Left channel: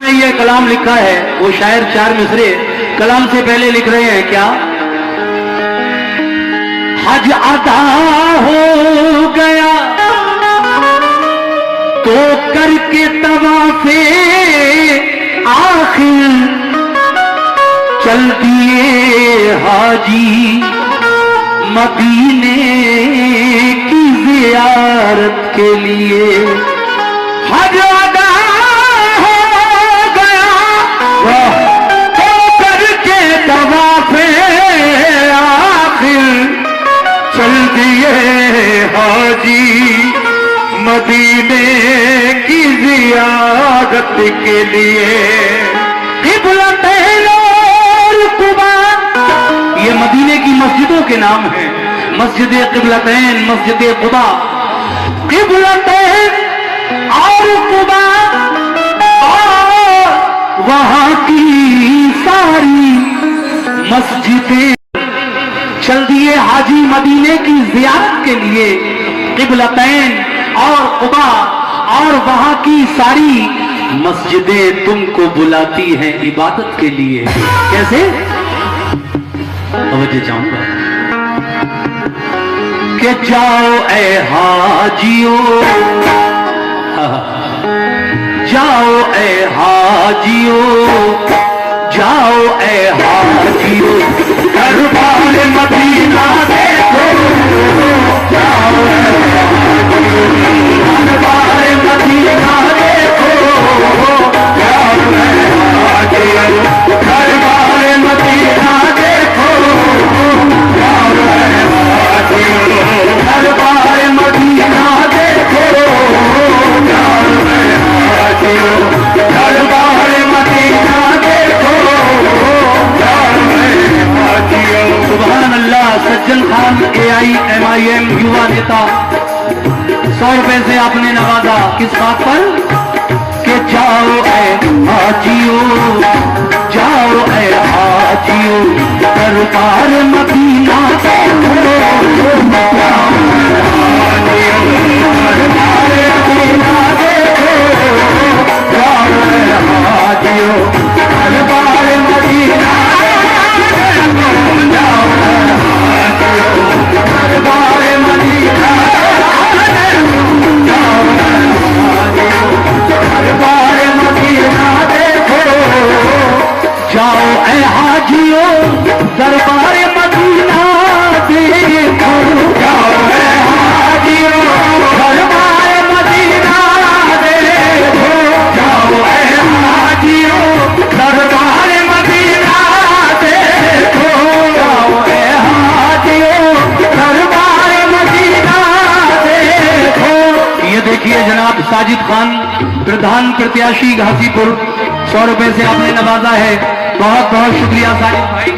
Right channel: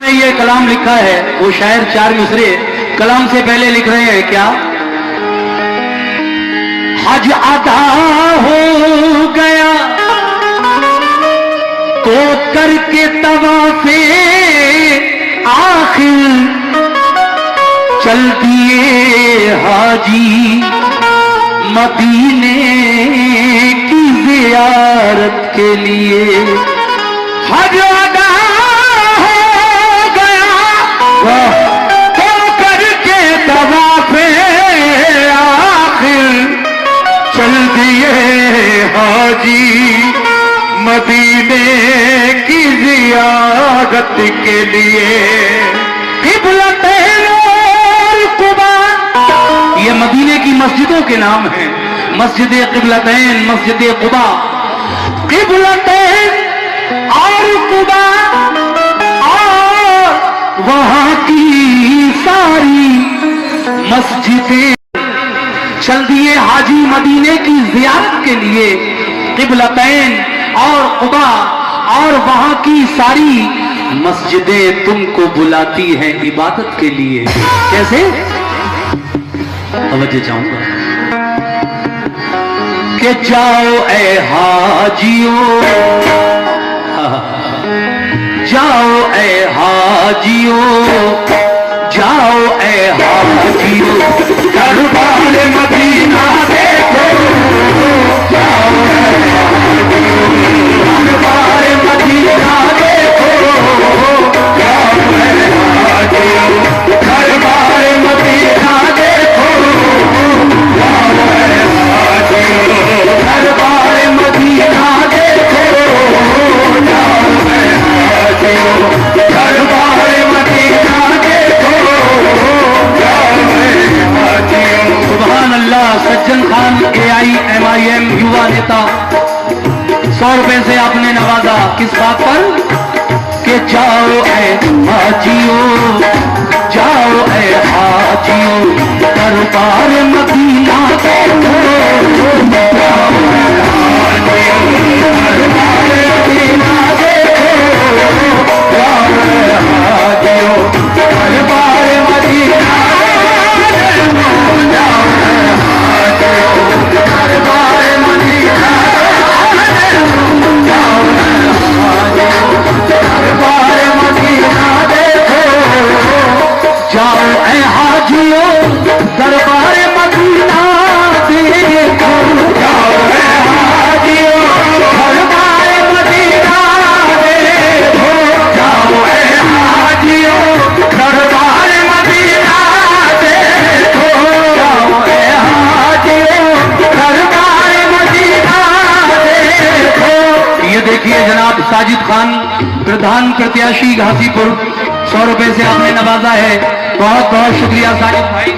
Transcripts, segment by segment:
ये कलाम लिखा है, वो शायर चार मिसरे कलाम से पहले लिख रहे हैं क्या? हज अदा हो गया तो करके तवाफे आखिर चल दिए हाजी मदीने की जियारत के लिए। हज अदा हो गया तो करके तवाफे आखिर चल दिए हाजी मदीने की जियारत के लिए। ये मदीने की मस्जिदों के नाम हैं, मस्जिद क़िबलतैन, मस्जिद क़ुबा, क़िबलतैन और क़ुबा और वहां की सारी मस्जिदें चल दिए हाजी मदीने की ज़ियारत के लिए। क़िबलतैन और क़ुबा और वहां की सारी मस्जिदें तुमको बुलाती हैं इबादत के लिए। कैसे? तवज्जो चाहूंगा कि जाओ ए हाजियों, जाओ ए हाजियों, जाओ ए हाजियों, दरबार मदीना देखो। जाओ ए हाजियों, दरबार मदीना देखो। जाओ ए हाजियों, दरबार मदीना सज्जन खान AIMIM युवा नेता 100 रुपए से आपने नवाजा किस बात पर कि जाओ ए हाजियों, जाओ ए हाजियों, दरबार मदीना देखो। देखिए जनाब साजिद खान प्रधान प्रत्याशी घासीपुर 100 रुपए से आपने नवाजा है, बहुत बहुत शुक्रिया साजिद भाई।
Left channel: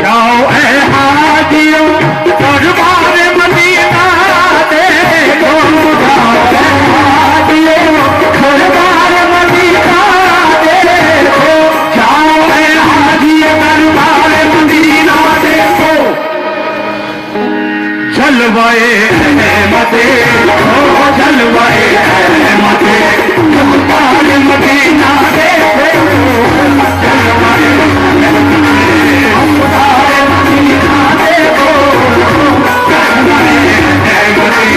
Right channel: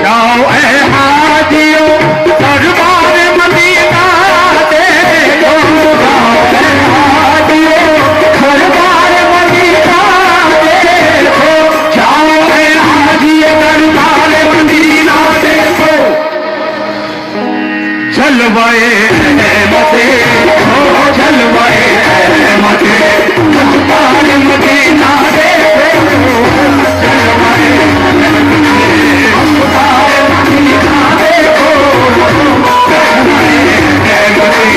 जाओ ए हाजियों, दरबार मदीना देखो। जाओ ए हाजियों, दरबार मदीना देखो। जाओ ए हाजियों, दरबार मदीना देखो। जलवाए मदे जलवाए मदे दरबार मदीना देखो। जलवाए दरबार मदीना देखो। जलवाए दरबार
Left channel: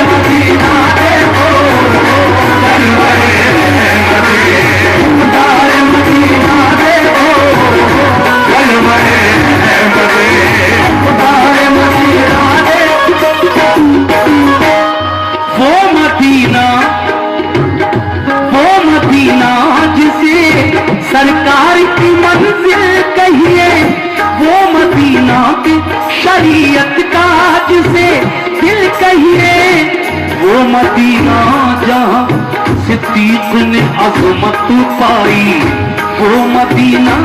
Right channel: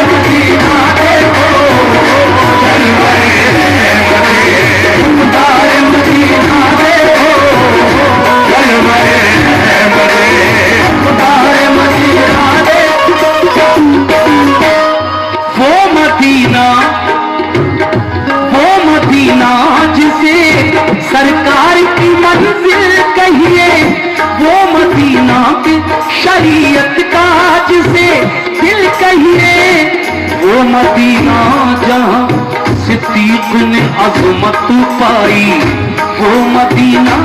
मदीना देखो। जलवाए दरबार मदीना देखो। जलवाए दरबार मदीना देखो। वो मदीना जिसे सरकार की मंजिल कहिए, वो मदीना की शरीयत का जिसे दिल कहिए, वो मदीना जहाँ सिद्दीक ने अज़मत पाई, वो मदीना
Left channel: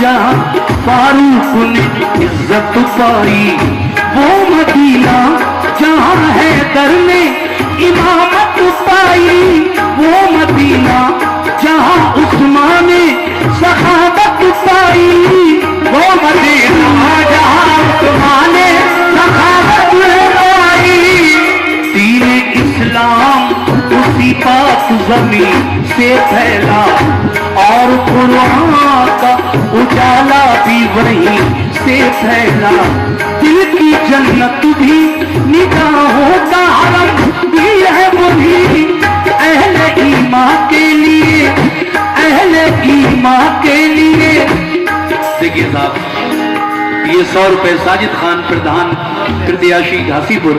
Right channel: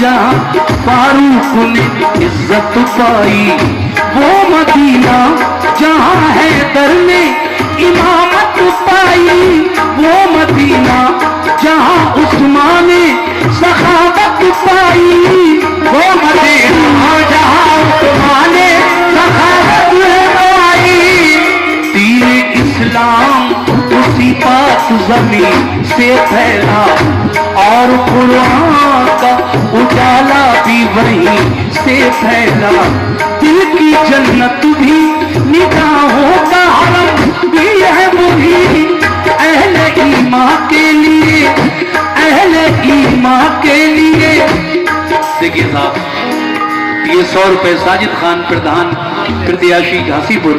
जहाँ फारूक ने इज्जत पाई, वो मदीना जहाँ हैदर ने इमामत पाई, वो मदीना जहाँ उस्मान ने सखावत पाई, वो मदीना जहाँ उस्मान ने सखावत पाई। दीन इस्लाम उसी बात पाक जमीन से फैला और कुरान का उजाला भी वहीं से फैला। दिल की जन्नत भी निगाहों का हरम भी है वही अहले ईमान के लिए, अहले ईमान के लिए। देखिए साहब, ये 100 रुपए साजिद खान प्रधान प्रत्याशी घासीपुर,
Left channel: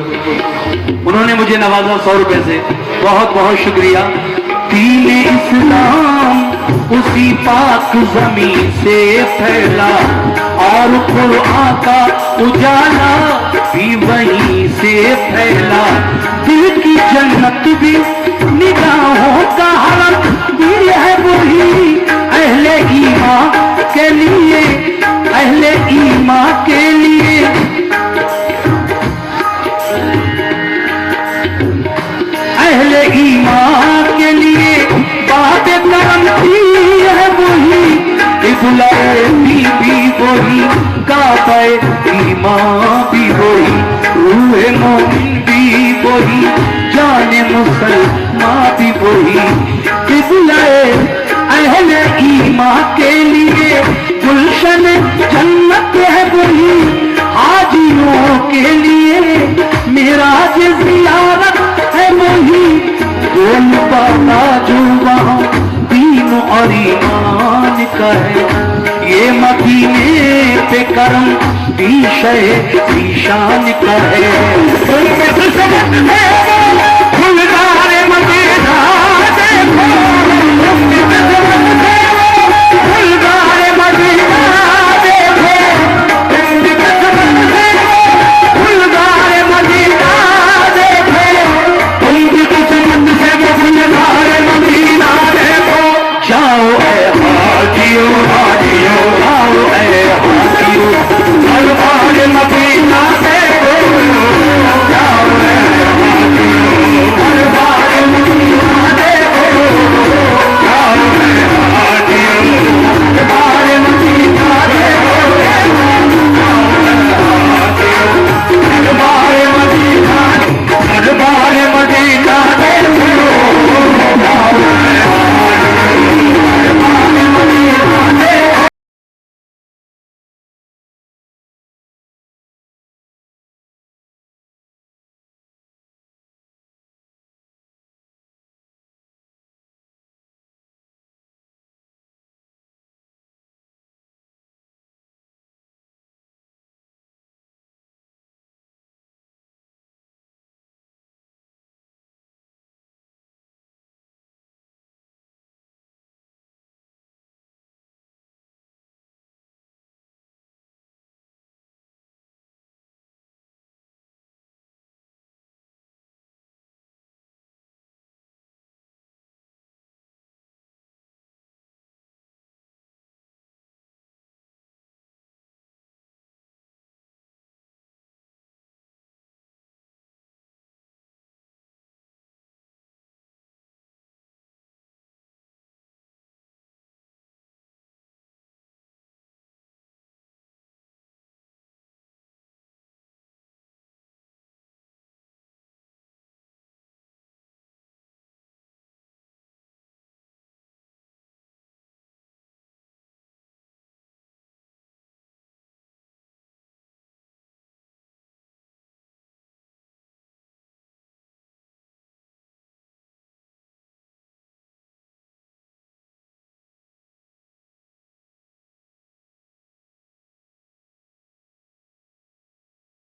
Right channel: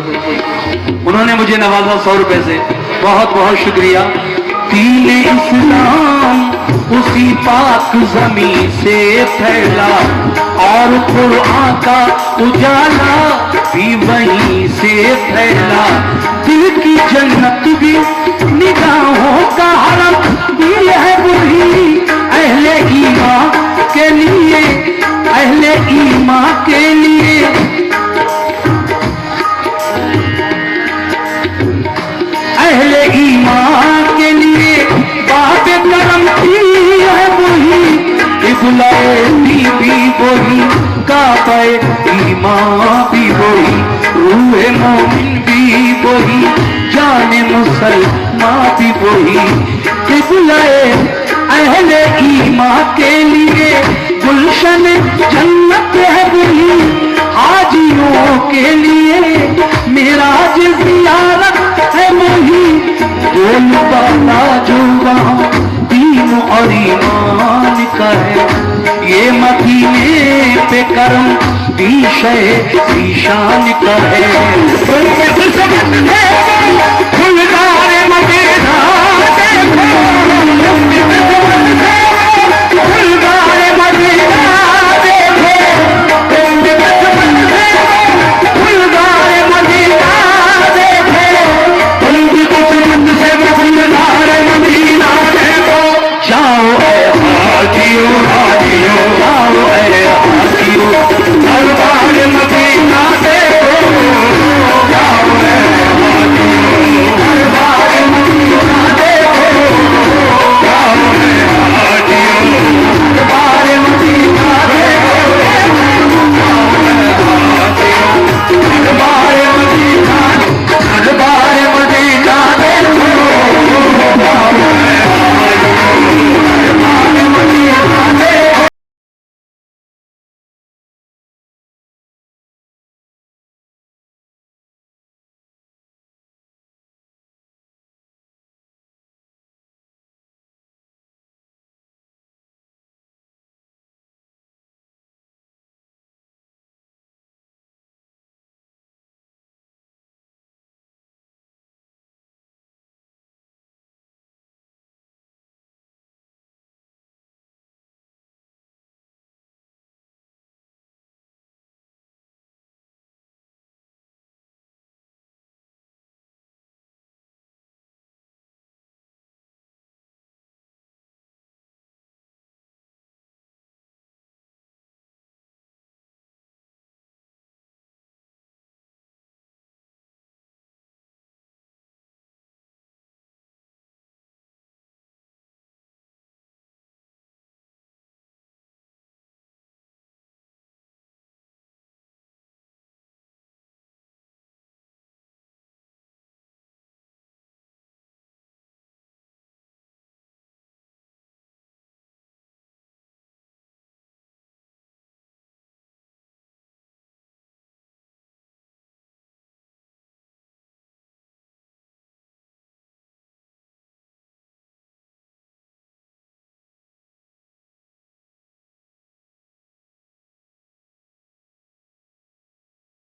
उन्होंने मुझे नवाजा 100 रुपए से, बहुत बहुत शुक्रिया। दीन इस्लाम उसी पाक जमीन से फैला और कुरान का उजाला भी वहीं से फैला। दिल की जन्नत भी निगाहों का हरम भी है वही अहले ईमान के लिए, अहले ईमान के लिए। अहले ईमान के लिए बात करम की है वही, इबलाए भी वही, काबे ईमान भी वही, रूहे मोमिन भी वही, जाने मुसलमान भी वही। इबलाए अहले ईमान के लिए गुलशन जन्नत है वही, हाजियों के लिए मेराज ज़ियारत है वही। बोलता ना जो वहाँ दीन और ईमान का है, ये मदीने पे करम भी शान का है। फुलदार मदीना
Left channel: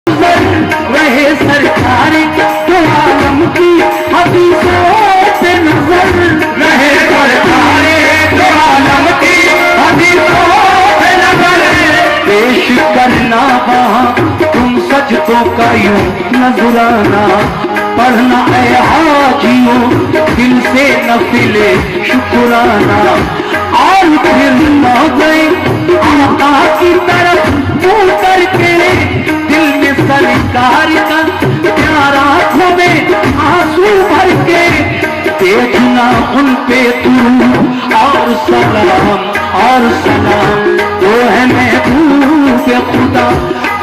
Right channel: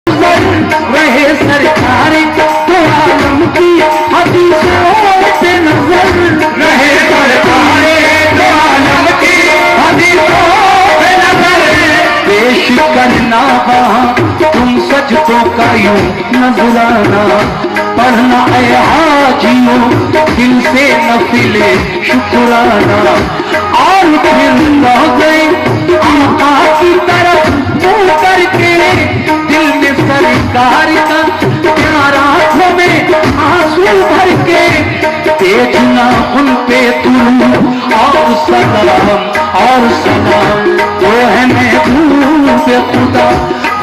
रहे सरकार तो आलम की हदीसों पे नजर, रहे सरकार तो आलम की हदीसों पे नजर। पेश करना वहाँ तुम सजदों का यूं नजराना, पढ़ना ऐ हाजियों दिल से नफिले शुक्राना। और फिर न गए आका की तरफ मुँह करके, दिल में सरकार का प्यारा हमें आंसू भर के। देखना उन पे तू और सलाम और सलाम, वो है महबूब खुदा,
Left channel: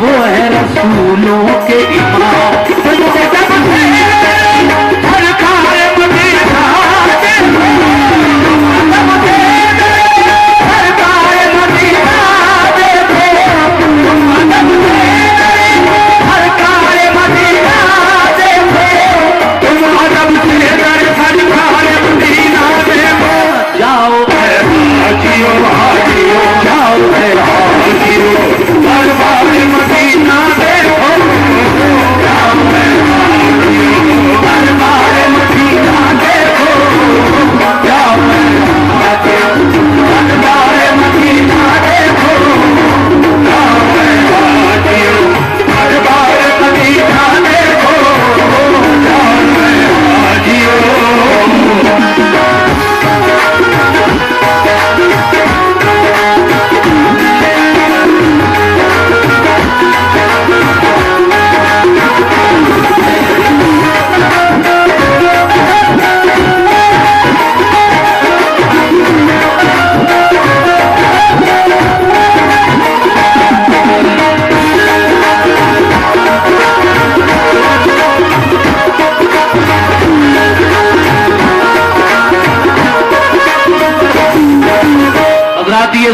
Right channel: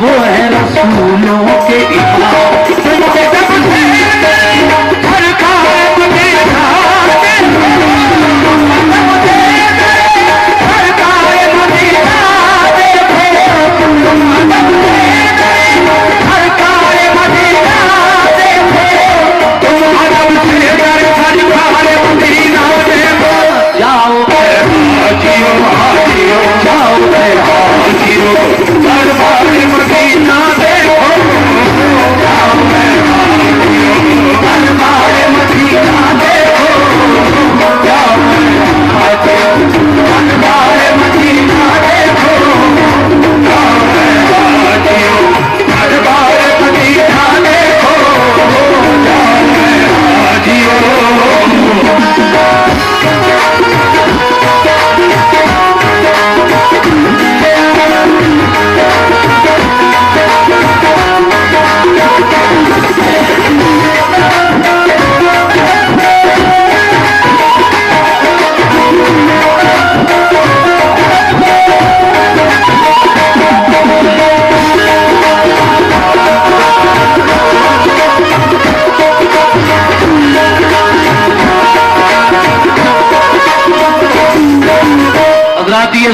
वो है रसूलों के इमाम। हर कार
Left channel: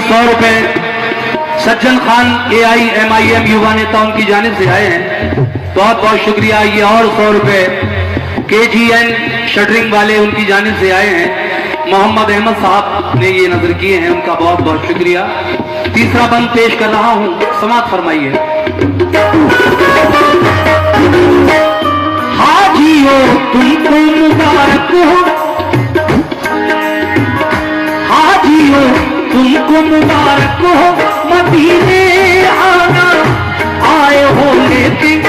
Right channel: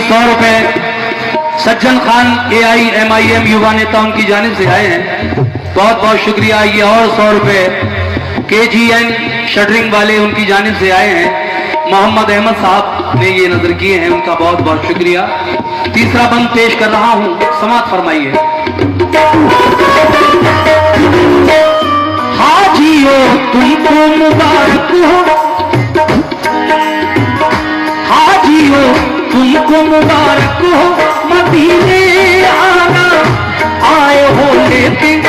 100 रुपए सज्जन खान AIMIM युवा नेता उनकी जानिब से आए हैं, बहुत बहुत शुक्रिया। ये और 100 रुपए KGN शटरिंग वाले उनकी जानिब से आए हैं, मोहम्मद अहमद साहब ने ये नजर किए हैं, उनका बहुत बहुत शुक्रिया। तीसरा बंद पेश कर रहा हूं, समाप्त फरमाइए। हाजियो तुमको मुबारक हो, हाजियो तुमको मुबारक हो, मदीने आना आए हो लेकिन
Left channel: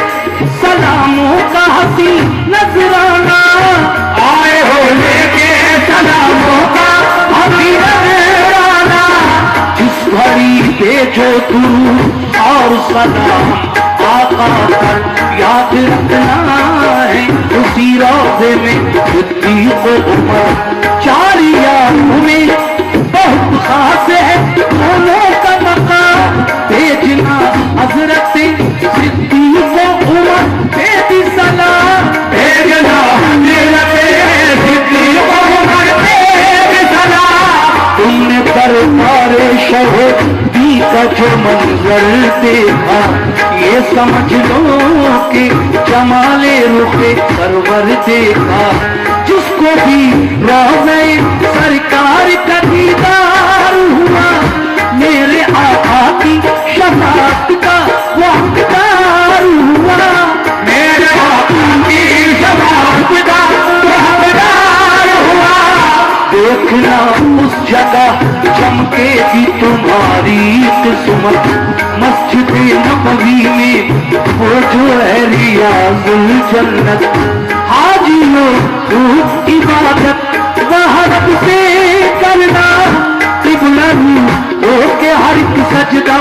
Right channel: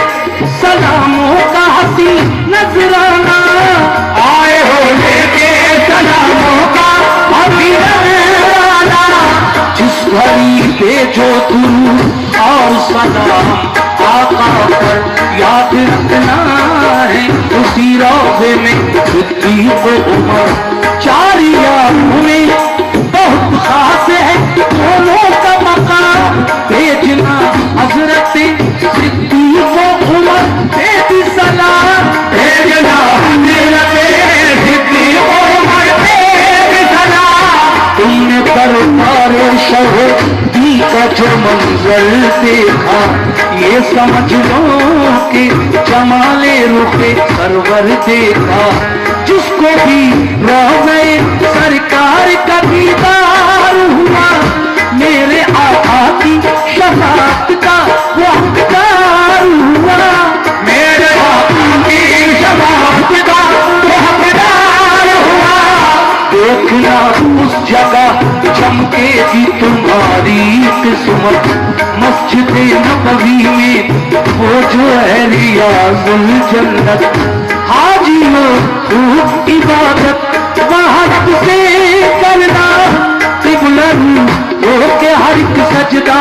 सलामों का हसी नजराना, आए हो लेकिन सलामों का हसी नजराना। जिस घड़ी भेजो तू और सलाम आका पर याद रखना है, उसी रोज़े में सिद्दीक़ उमर चारिया में बहुत खास है दोनों का मकाम। भेजना हजरत सिद्दीक़ उमर बेदी सलाम, भेजना सिद्दीक़ उमर बेदी सलाम। तुमने दरबार शहीदी का जो मंजर देखा, ये समझ लो कि जमाले रुपे सरवर देखा। जिसको भी रोज़े सरकार का दीदार हुआ, मेरे आका की शफाअत का वो हकदार हुआ, मेरे आका की शफाअत का वो हकदार हुआ। देखना उस जगह चमकेगी तुम्हारी किस्मत, मस्जिद नबवी में वो जो है रियाज़ुल जन्नत। हाजियो तू इबादत वहद से करना, क़िबला हो के हर एक सजदा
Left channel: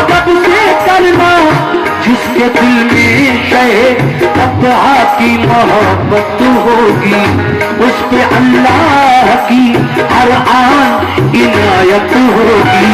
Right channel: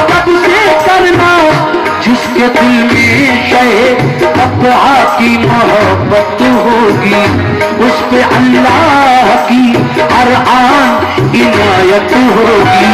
अदब से करना। जिसके दिल में शहे अब्दुआ की मोहब्बत होगी, उस पे अल्लाह की हर आन इनायत होगी।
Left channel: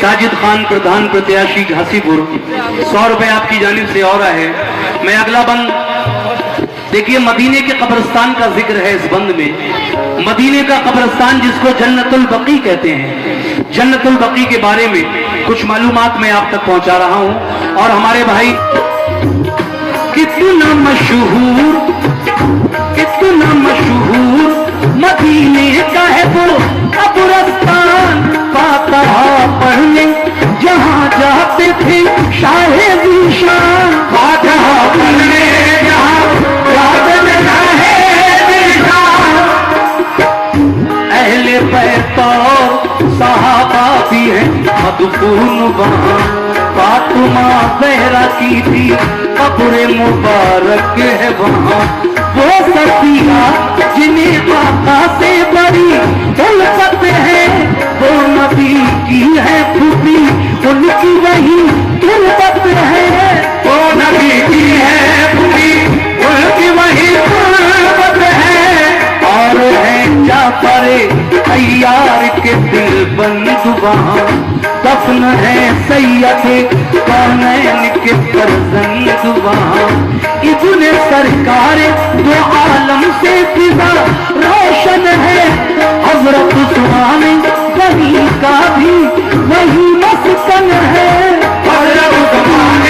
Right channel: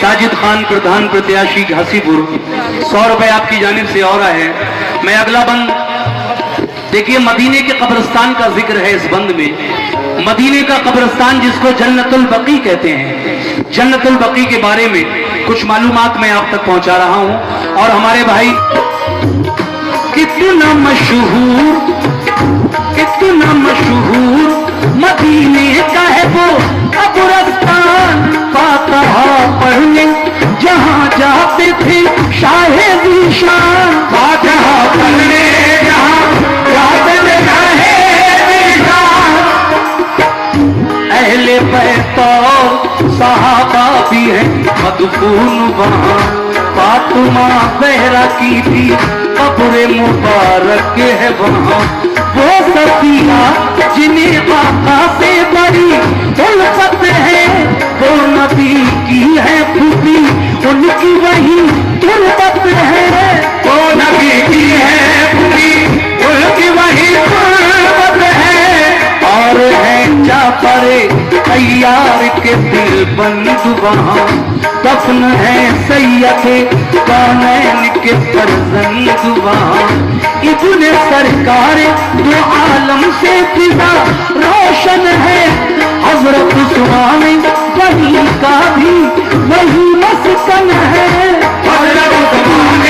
साजिद खान प्रधान प्रत्याशी घासीपुर 100 रुपए आपकी जानिब से और है। मैं अगला बंद देखिए, मदीने के कब्रिस्तान का जिक्र है इस बंद में। मदीने का कब्रिस्तान जिसको जन्नतुल बकी कहते हैं, जन्नतुल बकी के बारे में कुछ मालूमात मैं आप तक पहुंचा रहा हूं। और हमारे भाई कितना मशहूर मदीने का है वो कब्रिस्तान, फातिहा पढ़ने जहाँ जाते थे शाहे ज़ीशान, फातिहा पढ़ने जहाँ जाते थे शाहे ज़ीशान। अहले बैत और सहाबा भी है मदफून वहाँ, फातिमा ज़हरा की भी कब्र मुबारक है वहाँ। वो सफिया जिन्हें आका से बड़ी उल्फत है, वो नबी की है खुदी उनकी वही उल्फत है, वो नबी की है खुदी उनकी वही उल्फत है। और है जाफर तैयार के दिल बंद वहाँ, दफन है सैयद कौनैन के फरजंद वहाँ। इब्ने सरकार दो आलम से फिजा रोशन है। हजरत उस्मान गनी का भी वही मस्कन है। हजरत उस्मान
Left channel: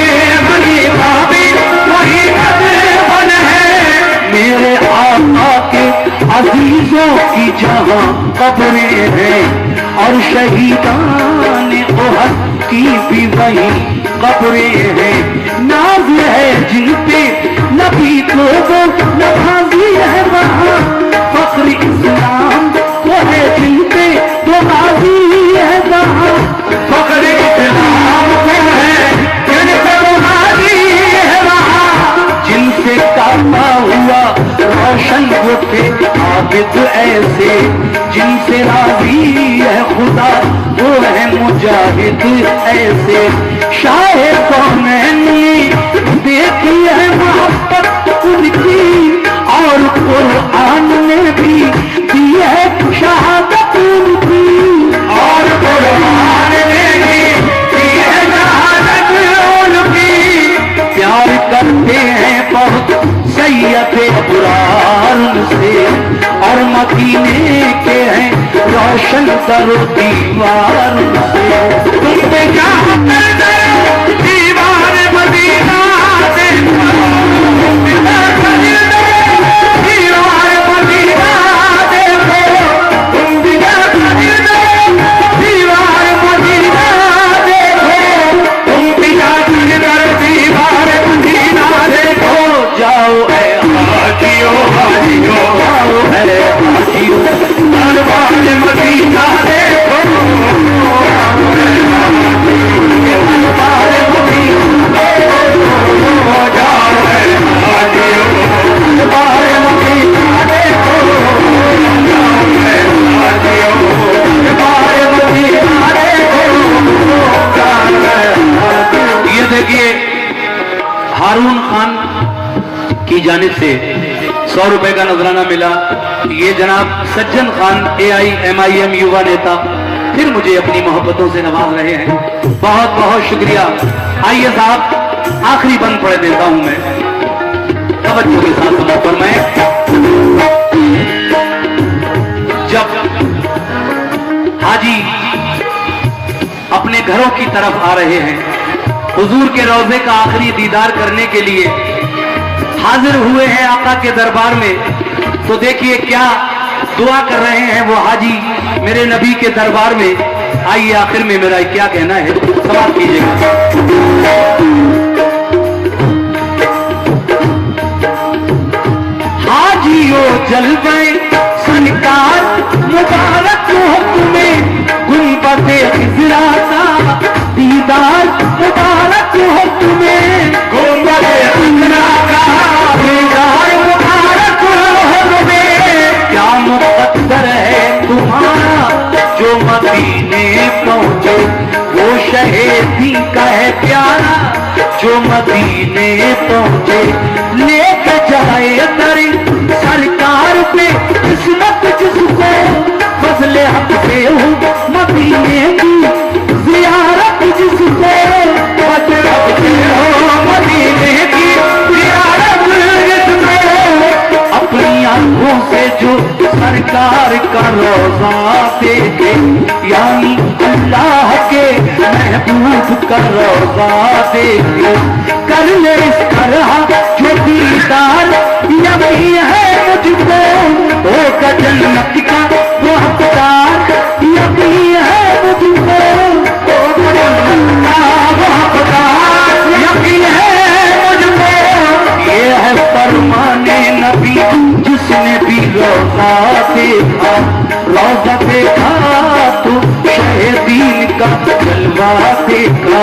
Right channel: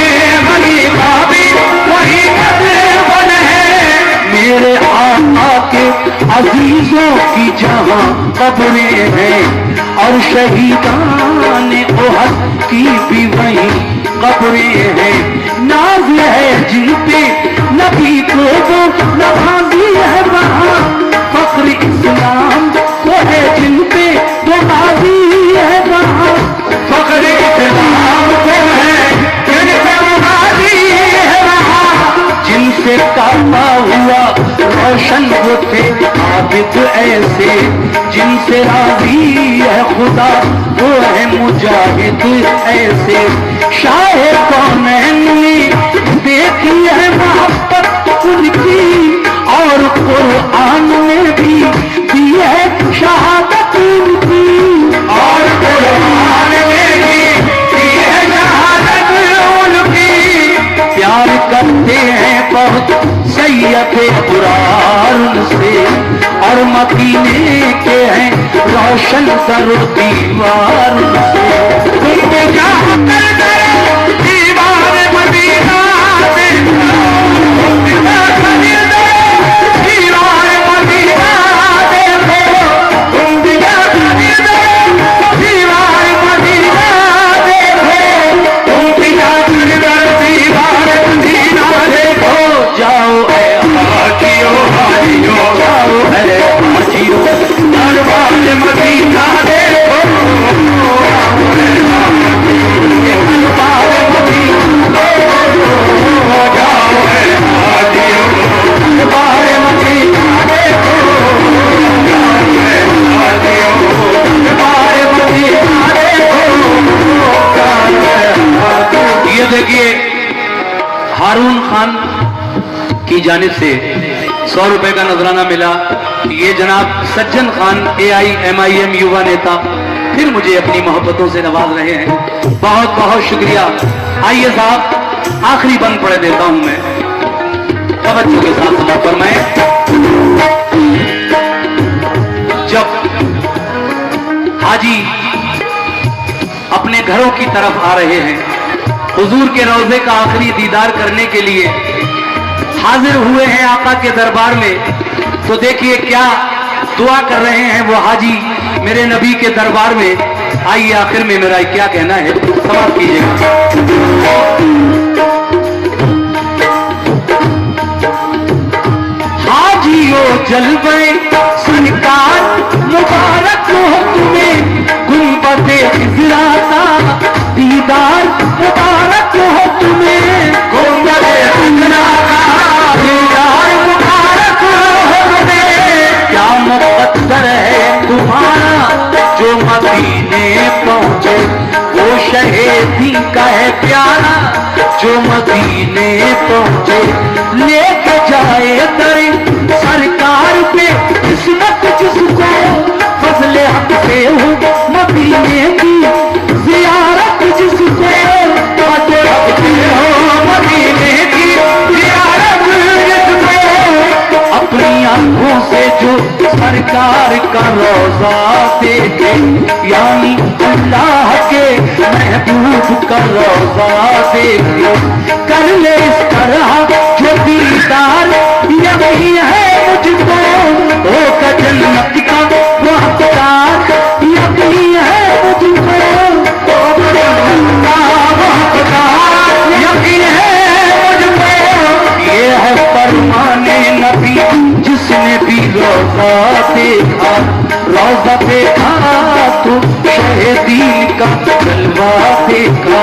गनी का भी वही मस्कन है। मेरे आका के अजीजों की जहां कब्रें हैं और शहीदान ओहद की भी वही कब्रें हैं। नाज है जिन पे नबी को वो नवाजी है वहाँ। फख्र इस्लाम वो है जिन पे नवाजी है वहाँ। फख्र इस्लाम वो है जिन पे नवाजी है वहाँ। जिनसे काबा हुआ रोशन वो थे आबिद ऐसे। जिनसे राजी है खुदा वो है मुजाहिद ऐसे। शाहे कौनैन ने देखी है मोहब्बत उनकी और कुरान में भी दी है शहादत उनकी। और कुरान में भी दी है शहादत उनकी। प्यार करते हैं बहुत सैयद अबरार से और मदीने के हैं रोशन कर दीवार से। दीवार मदीना देखा, दीवार मदीना देखो, तुम दीवार मदीना देखो, तुम दीवार मदीना देखो। जाओ ऐ हाजियो हाजियो, जाओ ऐ हाजियो दरबार मदीना देखो। ये देखिए हारून खान की जानिब से 100 रुपए का नजराना मिला। ये जनाब सज्जन खान AIMIM युवा नेता फिर मुझे अपनी मोहब्बतों से नवाज रहे हैं। बहुत बहुत शुक्रिया। आइए साहब आखिरी बंद पढ़ देता हूं मैं, तवज्जो के साथ सुना। पर मैं जब हाजी अपने घरों की तरफ आ रहे हैं, हुजूर के रोजे का आखिरी दीदार करने के लिए हाजिर हुए हैं आका के दरबार में, तो देखिए क्या दुआ कर रहे हैं वो हाजी मेरे नबी के दरबार में। आइए आखिर में मेरा क्या कहना है, समाप्त कीजिएगा। हाजियों जल गए सरकार मुबारक हो तुम्हें, गुंबदे हिजरा का दीदार मुबारक हो तुम्हें। गुंबदे हिजरा का दीदार मुबारक हो तुम्हें। क्या मुकद्दर है तुम्हारा जो मदीने पहुंचे, वो शहीदी का है प्यारा जो मदीने पहुंचे। लेके जाए दर सरकार पे किस्मत जिसको, फजले हक से हो मदीने की जियारत जिसको, फजले हक से हो मदीने की जियारत जिसको। अपनी आंखों से जो सरकार का रोजा देखे, यानी अल्लाह के महबूब का रोजा देखे, कर ले इस तरह जो दीदार यही है मुझको। ओ का जन्नत का वो हकदार यही है मुझको। यही है मुझको। ये है फरमाने नबी जिसने भी रोजा देखा, रोजा देखा तो शहीदीन का जलवा देखा।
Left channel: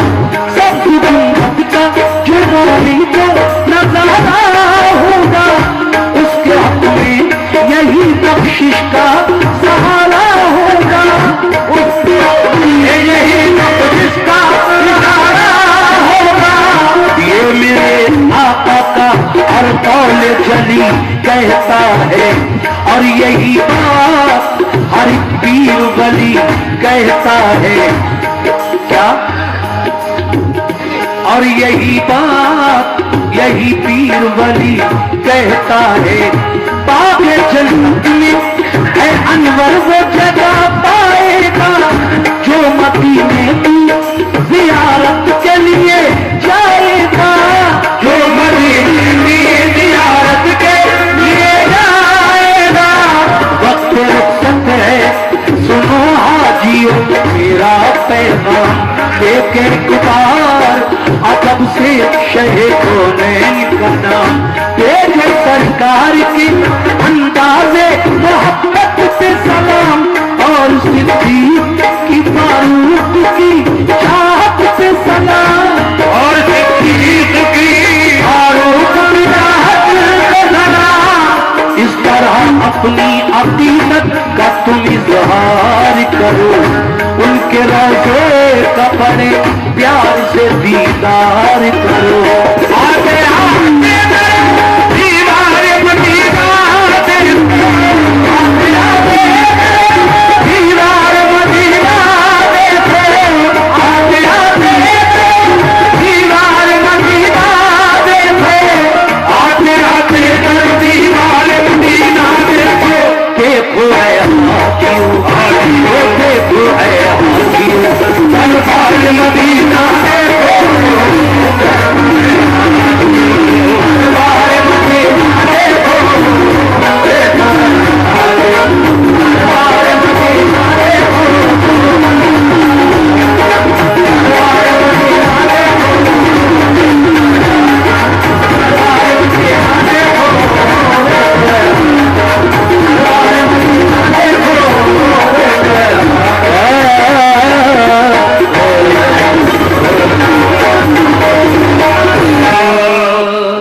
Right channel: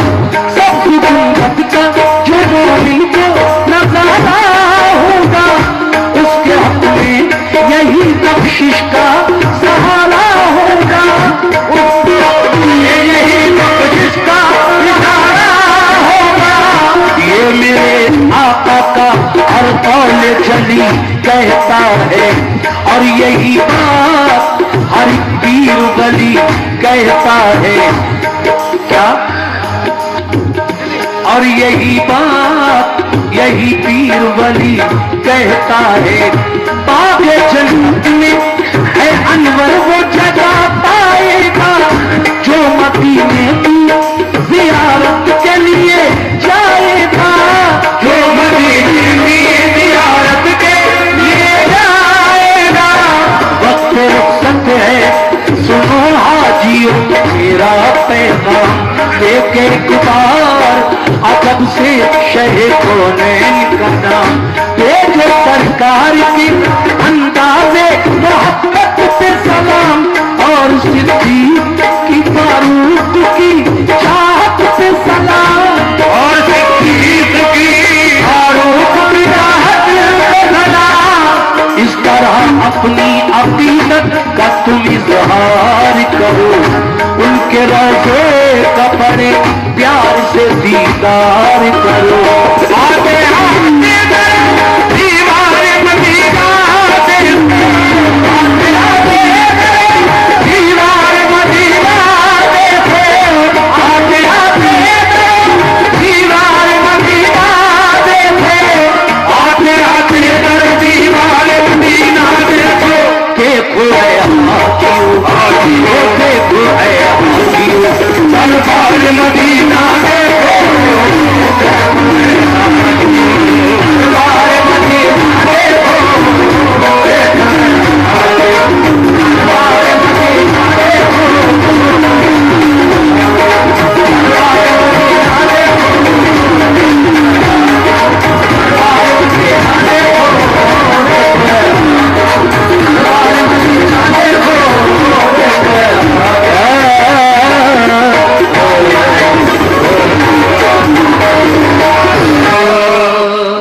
सब गुंबद का जो मोमिन को नजराना होगा, उसके हक में यही बख्शिश का सहारा होगा। यही बख्शिश का सहारा होगा। ये मेरे आका का हर कौल जली कहता है, और यही बात हर पीर वली कहता है। क्या? और यही बात यही पीर वली कहता है। बाग जन्नत में है अनवर वो जगह पाएगा जो मदीने की जियारत के लिए जाएगा, जो मदीने की जियारत के लिए जाएगा। वक्त रुखसत है सुनो हाजियों मेरा पैगाम लेके गुबार अदब से शहे को नहीं करना। ये जो सरकार की